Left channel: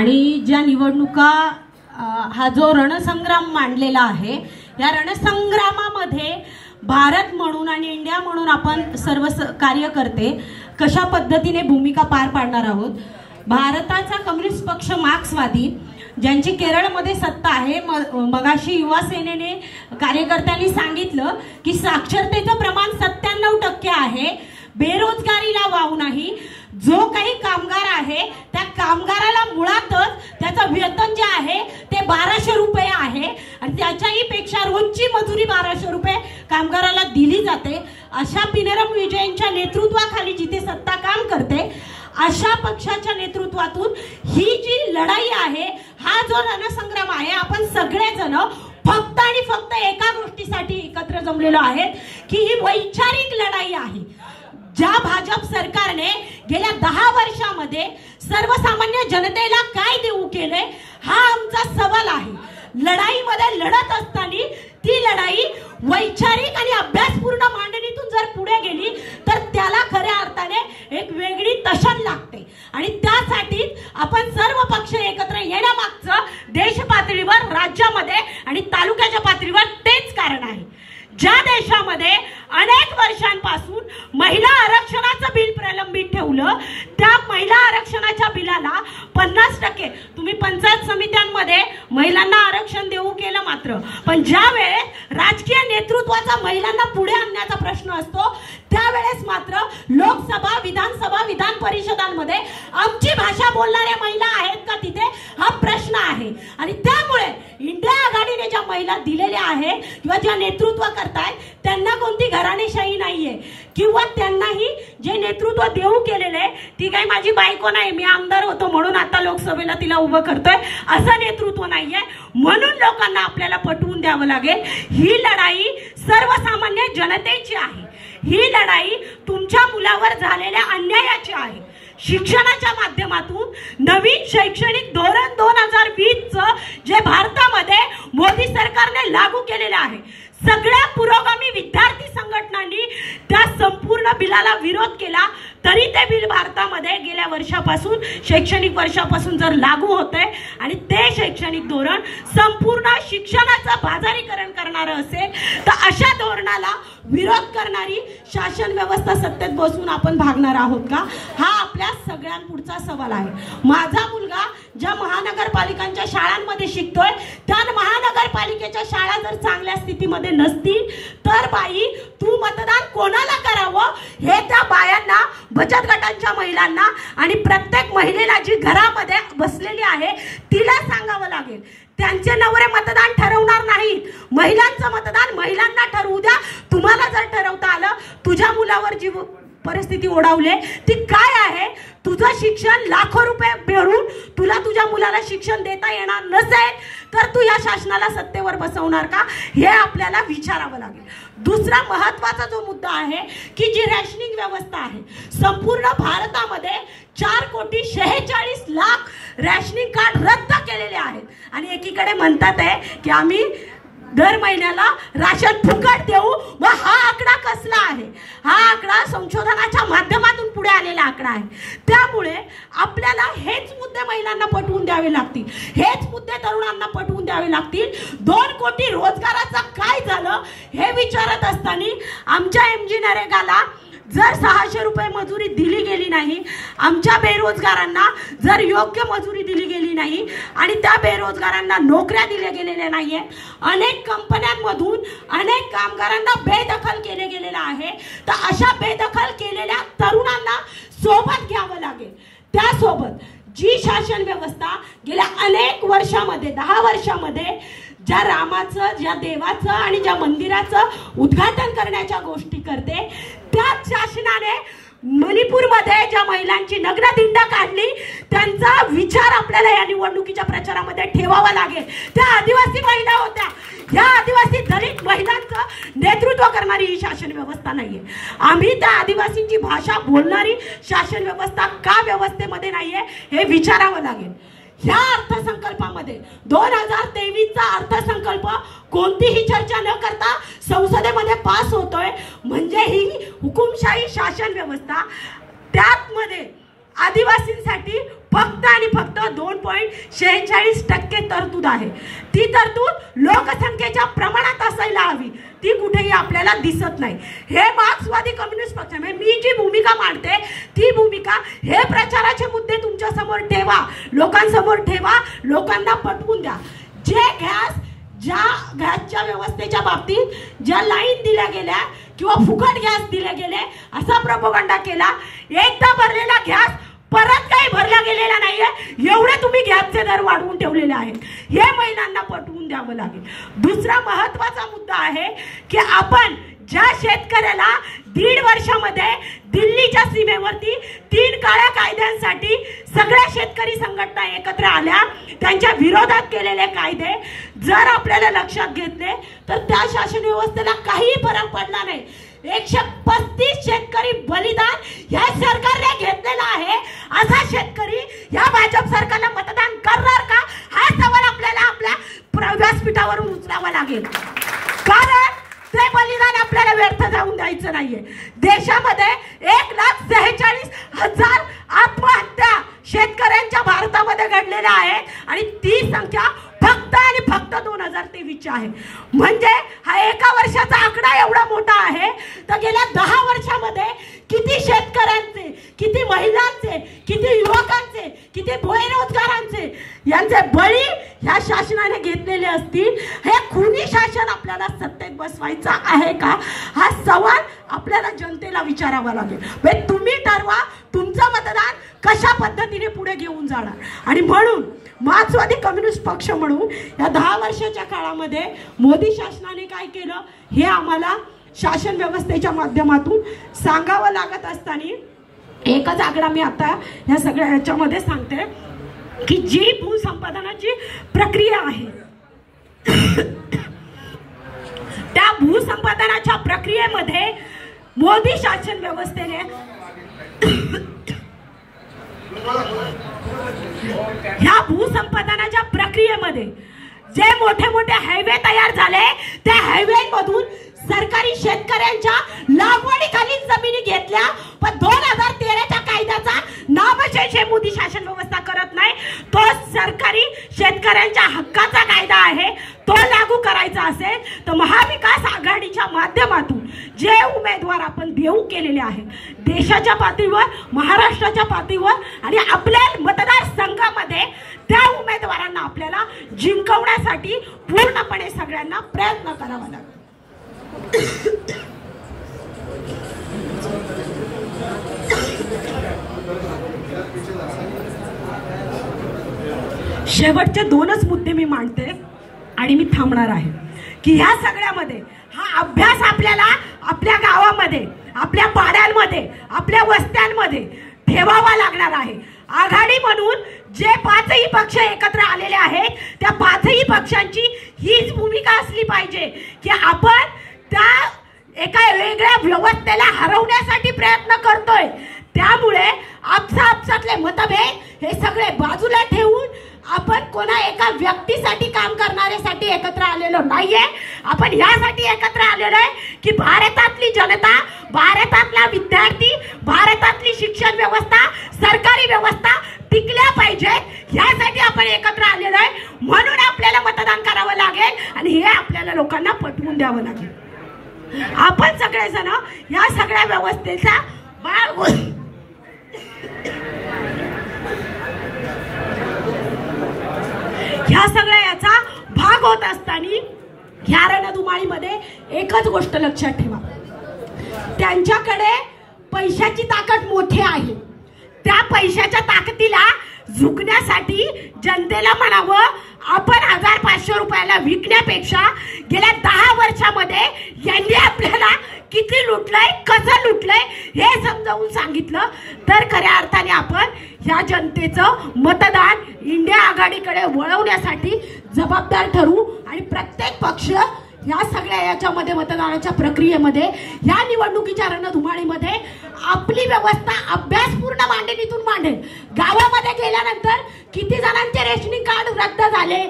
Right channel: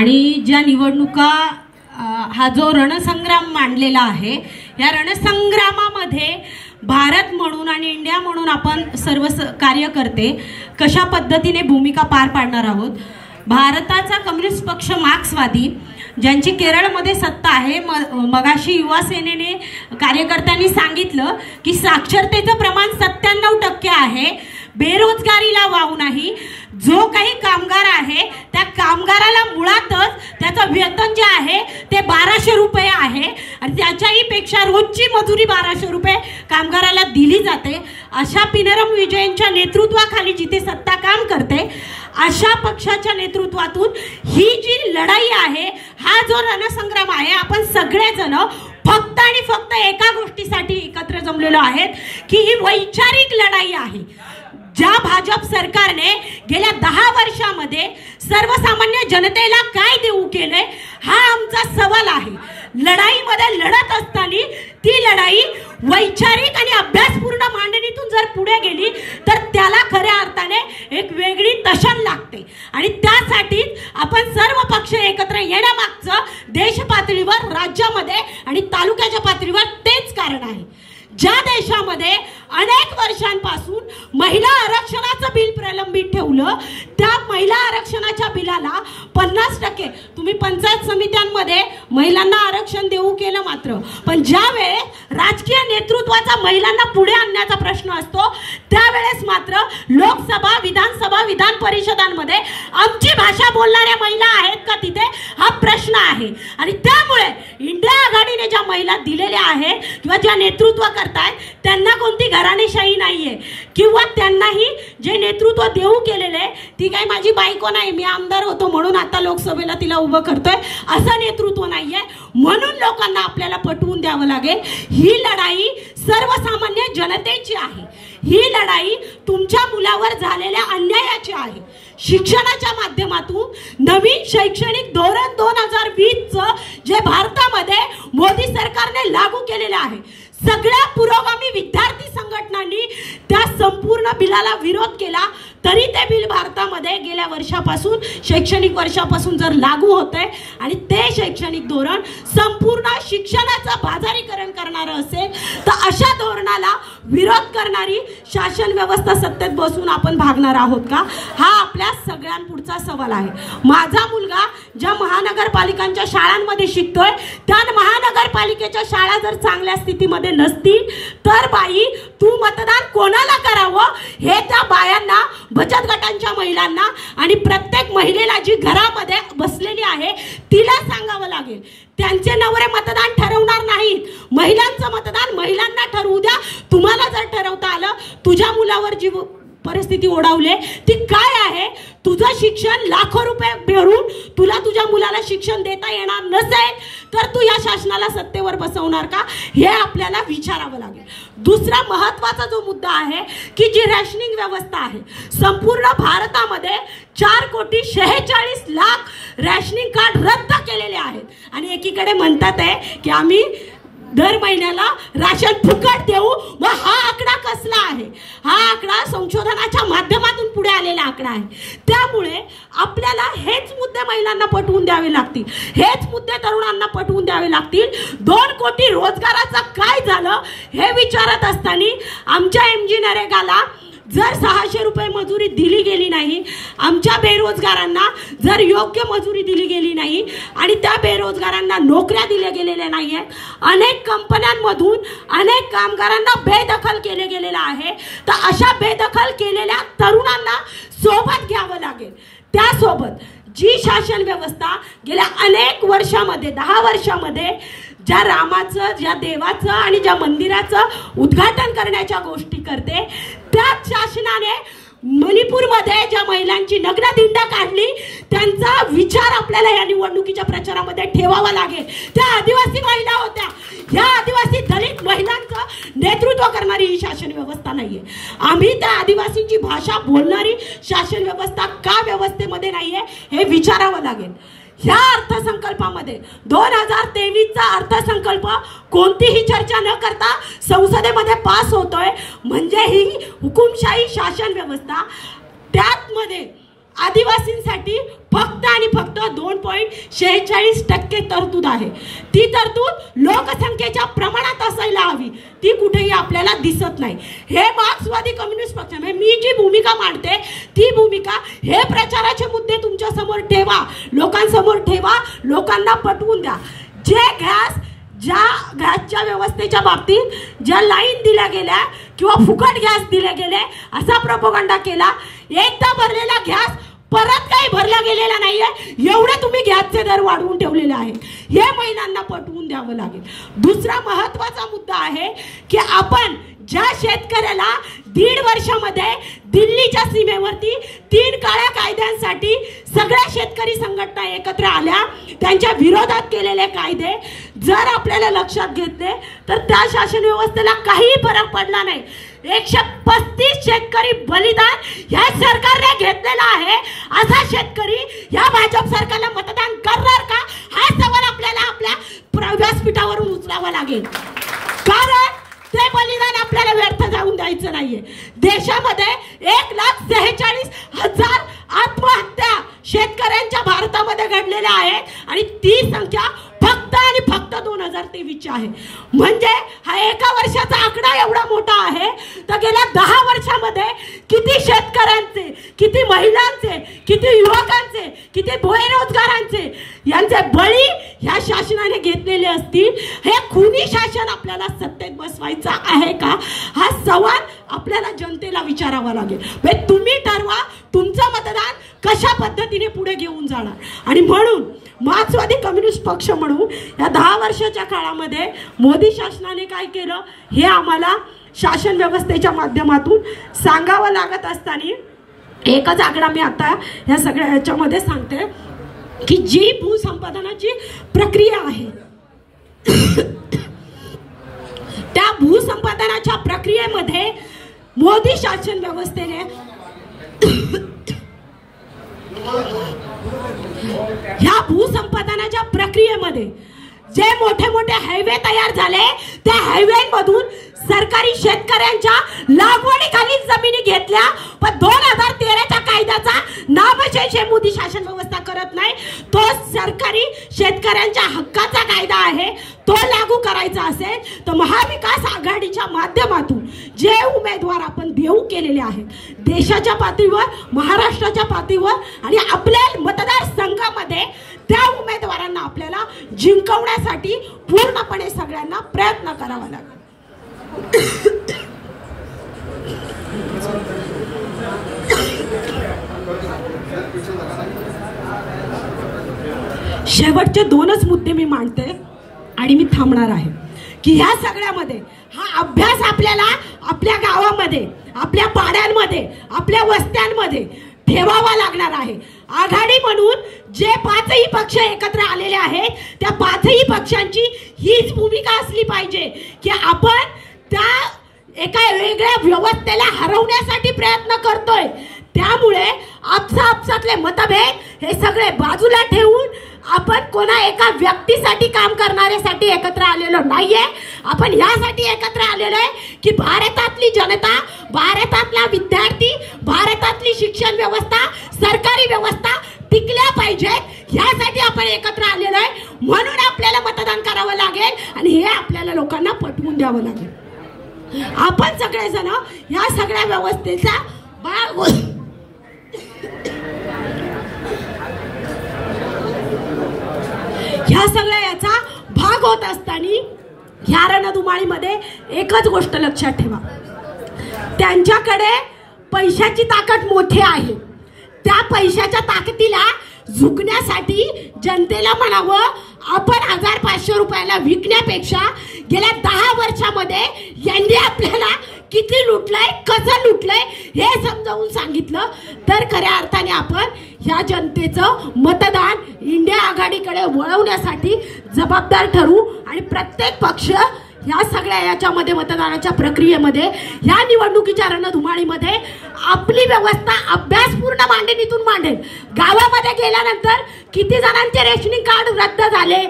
आणि ज्या निवडणुका हा जो रणसंग्राम मांडलेला आहे, या रणसंग्रामामध्ये भारत म्हणून आणि इंडिया म्हणून आपण सर्व कार्यकर्ते कशा पद्धतीने भूमिका पार पाडणार आहोत। भारताचा कम्युनिस्ट पक्ष मार्क्सवादी ज्यांची केरळमध्ये सत्ता आहे, मगाशी युवा सेनेने कार्यकर्त्यांनी सांगितलं की साक्षरतेचं प्रमाण 97% आहे, बेरोजगारीला वाव नाही। जो काही कामगार आहे त्या कामगाराला मुळातच त्याचं वेतन जे आहे ते 1200 रुपये आहे आणि त्याच्याही पेक्षा रोजची मजुरी 1200 रुपये कामगाराला दिली जाते। अशा पिनरम विजयनच्या नेतृत्वाखाली जिथे सत्ता काम करते, अशा पक्षाच्या नेतृत्वातून ही जी लढाई आहे, हा जो रणसंग्राम आहे, आपण सगळेजण फक्त आणि फक्त एका गोष्टीसाठी एकत्र जमलेलो आहेत की ही वैचारिक लढाई आहे। ज्या भाजप सरकारने गेल्या 10 वर्षामध्ये सर्वसामान्य जनतेला काय देऊ केले, हा आमचा सवाल आहे। लढाईमध्ये लढत असताना ती लढाई वैचारिक आणि अभ्यासपूर्ण मांडणीतून जर पुढे गेली तर त्याला खऱ्या अर्थाने एक वेगळी तशन लागते आणि त्यासाठी आपण सर्व पक्ष एकत्र येण्यामागचं देश पातळीवर, राज्यामध्ये आणि तालुक्याच्या पातळीवर तेच कारण आहे। ज्या देशामध्ये अनेक वर्षांपासून महिला आरक्षणाचं बिल प्रलंबित ठेवलं, त्या महिला आरक्षणाच्या बिलाला 50% तुम्ही पंचायत समित्यांमध्ये महिलांना आरक्षण देऊ केलं मात्र, पण ज्या वेळेस राजकीय नेतृत्वाचा महिलांना पुढे आणण्याचा प्रश्न असतो त्यावेळेस मात्र लोकसभा, विधानसभा, विधान परिषदांमध्ये आमची भाषा बोलणाऱ्या महिला आहेत का तिथे, हा प्रश्न आहे। आणि त्यामुळे इंडिया आघाडीने ज्या महिला दिलेल्या आहेत किंवा ज्या नेतृत्व करतायत त्यांना कोणती घराणेशाही नाहीये किंवा त्यांनाही जे नेतृत्व देऊ केलेले, ती काही माझी बायको नाही, मी आमदार होतो म्हणून आता लोकसभेला तिला उभं करतोय, असं नेतृत्व नाहीये। म्हणून लोकांना आपल्याला पटवून द्यावं लागेल, ही लढाई सर्वसामान्य जनतेची आहे, ही लढाई तुमच्या मुलावर झालेल्या अन्यायाची आहे। शिक्षणाच्या माध्यमातून नवीन शैक्षणिक धोरण 2020चं जे भारतामध्ये मोदी सरकारने लागू केलेलं आहे, सगळ्या पुरोगामी विद्यार्थी संघटनांनी त्या संपूर्ण बिलाला विरोध केला, तरी ते बिल भारतामध्ये गेल्या वर्षापासून, शैक्षणिक वर्षापासून जर लागू होते आणि ते शैक्षणिक धोरण संपूर्ण शिक्षणाचं बाजारीकरण करणारं असेल तर अशा धोरणाला विरोध करणारी शासन व्यवस्था सत्तेत बसून आपण भागणार आहोत का, हा आपल्या सगळ्यांपुढचा सवाल आहे। माझा मुलगा ज्या महानगरपालिकांच्या शाळांमध्ये शिकतोय, त्या महानगरपालिकेच्या शाळा जर चांगल्या स्थितीमध्ये नसतील तर बाई तू मतदान कोणाला करावं हे त्या बायांना, बचत गटांच्या महिलांना आणि प्रत्येक महिलेला जी घरामध्ये बसलेली आहे तिला सांगावं लागेल। त्यांचे नवरे मतदान ठरवणार नाहीत, महिलांचं मतदान महिलांना ठरवू द्या। तुम्हाला जर ठरवता आलं, तुझ्या मुलावर जी परिस्थिती ओढावले ती काय आहे, तुझं शिक्षण लाखो रुपये भरून तुला तुझ्या मुलाला शिक्षण देता येणार नसेल तर तू या शासनाला सत्तेवर बसवणार का, हे आपल्याला विचारावं लागेल। दुसरा महत्त्वाचा जो मुद्दा आहे की जी रॅशनिंग व्यवस्था आहे, संपूर्ण भारतामध्ये 4,46,00,000 रॅशनिंग कार्ड रद्द केलेले आहेत आणि एकीकडे म्हणतात आहे की आम्ही दर महिन्याला राशन फुकट देऊ। मग हा आकडा कसला आहे, हा आकडा संशोधनाच्या माध्यमातून पुढे आलेला आकडा आहे। त्यामुळे आपल्याला हेच मुद्दे महिलांना पटवून द्यावे लागतील, हेच मुद्दे तरुणांना पटवून द्यावे लागतील। 2 कोटी रोजगाराचं काय झालं हे विचारत असताना आमच्या MG नरेगाला जर 600 रुपये मजुरी दिली गेली नाही, आमच्या बेरोजगारांना जर योग्य मजुरी दिली गेली नाही आणि त्या बेरोजगारांना नोकऱ्या दिल्या गेलेल्या नाहीये, अनेक कंपन्यांमधून अनेक कामगारांना बेदखल केले गेलेलं आहे, तर अशा बेदखल केलेल्या तरुणांना सोबत घ्यावं लागेल। त्यासोबत जी शासन व्यवस्था गेल्या अनेक वर्षामध्ये, 10 वर्षामध्ये ज्या रामाचं, ज्या देवाचं आणि ज्या मंदिराचं उद्घाटन करण्याच्या गोष्टी करते, त्याच शासनाने मणिपूरमध्ये ज्या महिलांची नग्नदिंड काढली त्यांचा विचार आपल्याला या निवडणुकीच्या प्रचारामध्ये ठेवावा लागेल। त्या आदिवासी महिला होत्या, या आदिवासी दलित महिलांचं नेतृत्व करणारी ही शासन व्यवस्था नाहीये। आम्ही त्या आदिवासींची भाषा बोलणारी शासन व्यवस्था का व्यवस्थेमध्ये नाहीये हे विचारावं लागेल। ह्या अर्थसंकल्पामध्ये 2023चा अर्थसंकल्प कोणतीही चर्चा न करता संसदेमध्ये पास होतोय, म्हणजे ही हुकुमशाही शासन व्यवस्था, त्यामध्ये आदिवासींसाठी फक्त आणि फक्त 2.46% तरतूद आहे. ती तरतूद लोकसंख्येच्या प्रमाणात असायला हवी, ती कुठेही आपल्याला दिसत नाही. हे मार्क्सवादी कम्युनिस्ट पक्ष मी जी भूमिका मांडते ती भूमिका, हे प्रचाराचे मुद्दे तुमच्या समोर ठेवा, लोकांसमोर ठेवा, लोकांना पटवून द्या. ज्या गॅसच्या व्यवस्थेच्या बाबतीत ज्या लाईन दिल्या गेल्या किंवा फुकट गॅस दिले गेले असा प्रोपगंडा केला, एकदा भरलेला गॅस परत काही भरला गेलेला नाहीये, एवढे तुम्ही गॅसचे दर वाढवून ठेवलेले आहेत, हे महिलांना पटवून द्यावं लागेल. दुसरा महत्वाचा मुद्दा आहे की आपण ज्या शेतकऱ्याला 1.5 वर्षामध्ये दिल्लीच्या सीमेवरती 3 काळ्या कायद्यांसाठी सगळ्या शेतकरी संघटना एकत्र आल्या, त्यांच्या विरोधात केलेले कायदे जर आपल्याला लक्षात घेतले तर त्या शासन व्यवस्थेला काही फरक पडला नाही. 135 शेतकरी बलिदान या सरकारने घेतलेला आहे. असा शेतकरी या भाजप सरकारला मतदान करणार का, हा सवाल आपल्याला आपल्या व्यासपीठावरून उचलावा लागेल. कारण ते बलिदान आपल्याला व्यर्थ जाऊन द्यायचं नाहीये. देशामध्ये 1,46,000 आत्महत्या शेतकऱ्यांच्या भारतामध्ये घडलेल्या आहेत आणि ती संख्या फक्त आणि फक्त 2023 आहे. म्हणजे हा एका वर्षाचा आकडा एवढा मोठा आहे, तर गेल्या 10 वर्षामध्ये किती शेतकऱ्यांचे, किती महिलांचे, किती युवकांचे, किती बेरोजगारांचे यांचे बळी या शासनाने घेतलेले असतील. हे खुनी शासन आपल्याला सत्तेत बसवायचं आहे का, हा सवाल आपल्याला जनतेला विचारावा लागेल. तुम्ही ठरवा तुमचं मतदान कशा पद्धतीने पुढे घेऊन जाणार. आणि म्हणून मार्क्सवादी कम्युनिस्ट पक्ष म्हणून या 10 वर्षाच्या काळामध्ये मोदी शासनाने काय केलं हे आम्हाला शासन व्यवस्थेच्या माध्यमातून सांगावं लागत असताना एकच आकडा मी आता या सगळ्या याच्यामध्ये सांगते की जी भूसंपादनाची प्रक्रिया आहे त्या भूसंपादनाच्या प्रक्रियेमध्ये मोदी शासन व्यवस्थेने ह्या भूसंपादनाच्या प्रक्रियेमध्ये जे मोठे मोठे हायवे तयार झाले त्या हायवेमधून सरकारी शेतकऱ्यांच्या लागवडीखाली जमिनी घेतल्या, पण 2013च्या कायद्याचा नामशेष मोदी शासन व्यवस्था करत नाही. तो सरकारी शेतकऱ्यांच्या हक्काचा कायदा आहे, तो लागू करायचा असेल तर महाविकास आघाडीच्या माध्यमातून जे उमेदवार आपण देऊ केलेले आहेत देशाच्या पातळीवर, महाराष्ट्राच्या पातळीवर आणि आपल्या मतदारसंघामध्ये, त्या उमेदवारांना आपल्याला जिंकवण्यासाठी पूर्णपणे सगळ्यांना प्रयत्न करावा लागेल. शेवटचे 2च मुद्दे मी मांडते आणि मी थांबणार आहे की ह्या सगळ्यामध्ये हा अभ्यास आपल्याला आपल्या गावामध्ये, आपल्या पाड्यांमध्ये, आपल्या वस्त्यांमध्ये ठेवावा लागणार आहे. आघाडी म्हणून जे 5ही पक्ष एकत्र आलेले आहेत त्या 5ही पक्षांची हीच भूमिका असली पाहिजे की आपण त्या एका वेगळ्या व्यवस्थेला हरवण्यासाठी प्रयत्न करतोय. त्यामुळे आपसातले मतभेद हे सगळे बाजूला ठेवून आपण कोणा एका व्यक्तीसाठी काम करण्यासाठी एकत्र आलेलो नाहीये. आपण यासाठी एकत्र आलेलो आहे की भारतातली जनता, भारतातला विद्यार्थी, भारतातली शिक्षण व्यवस्था, सरकारी व्यवस्था टिकल्या पाहिजेत, यासाठी आपण एकत्र आलेलो आहे. म्हणून आपल्याला मतदान करावं लागेल आणि हे आपल्याला लोकांना पटवून द्यावं लागेल. आपण सगळेजण या सगळ्या व्यवस्थेचा भाग ह्या सगळ्या याचा भाग होत असताना ह्या रणधुमाळीमध्ये एकच गोष्ट लक्षात ठेवा, त्यांच्याकडे पैशाची ताकद मोठी आहे. त्या पैशाच्या ताकदीला झुकण्यासाठी जनतेला म्हणावं आपण 1500 रुपयाला विकण्यापेक्षा गेल्या 10 वर्षामध्ये यांनी आपल्याला किती लुटलंय, कसं लुटलंय हे समजावून सांगितलं तर खऱ्या अर्थाने आपण ह्या जनतेचं मतदान इंडिया आघाडीकडे वळवण्यासाठी जबाबदार ठरू. आणि प्रत्येक पक्ष ह्या सगळ्या याच्यामध्ये मतदानाच्या प्रक्रियेमध्ये, ह्या निवडणुकीच्या रणधुमाळीमध्ये आपली व्यवस्था अभ्यासपूर्ण मांडणीतून मांडेल. गावामध्ये गेल्यानंतर किती जणांचे रेशनिंग कार्ड रद्द झाले,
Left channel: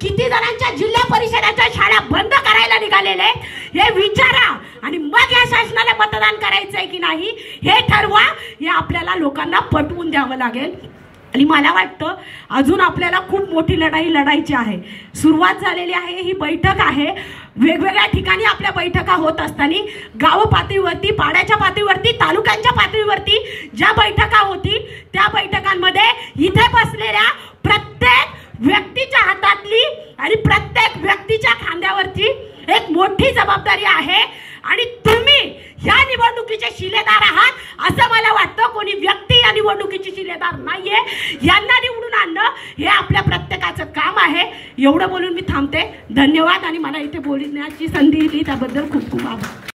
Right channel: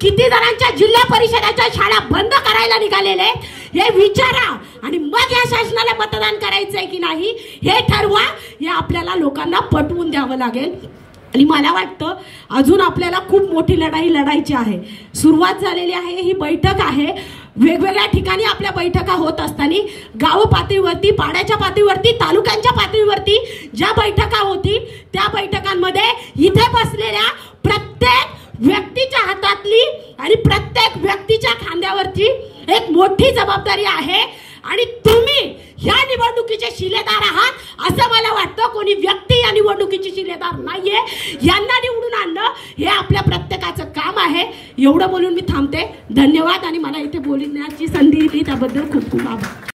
किती जणांच्या जिल्हा परिषदेच्या शाळा बंद करायला निघालेले हे विचारा आणि मग या शासनाला मतदान करायचंय की नाही हे ठरवा. हे आपल्याला लोकांना पटवून द्यावं लागेल. आणि मला वाटतं अजून आपल्याला खूप मोठी लढाई लढायची आहे. सुरुवात झालेली आहे, ही बैठक आहे. वेगवेगळ्या ठिकाणी आपल्या बैठका होत असताना गाव पातळीवरती, पाड्याच्या पातळीवरती, तालुक्यांच्या पातळीवरती ज्या बैठका होती त्या बैठकांमध्ये इथे बसलेल्या प्रत्येक व्यक्तीच्या हातातली आणि प्रत्येक व्यक्तीच्या खांद्यावरची एक मोठी जबाबदारी आहे. आणि तुम्ही या निवडणुकीचे शिलेदार आहात असं मला वाटतं. कोणी व्यक्ती या निवडणुकीची शिलेदार नाहीये. यांना निवडून आणणं हे आपल्या प्रत्येकाचं काम आहे. एवढं बोलून मी थांबते. धन्यवाद. आणि मला इथे बोलण्याची संधी दिली त्याबद्दल खूप खूप आभार.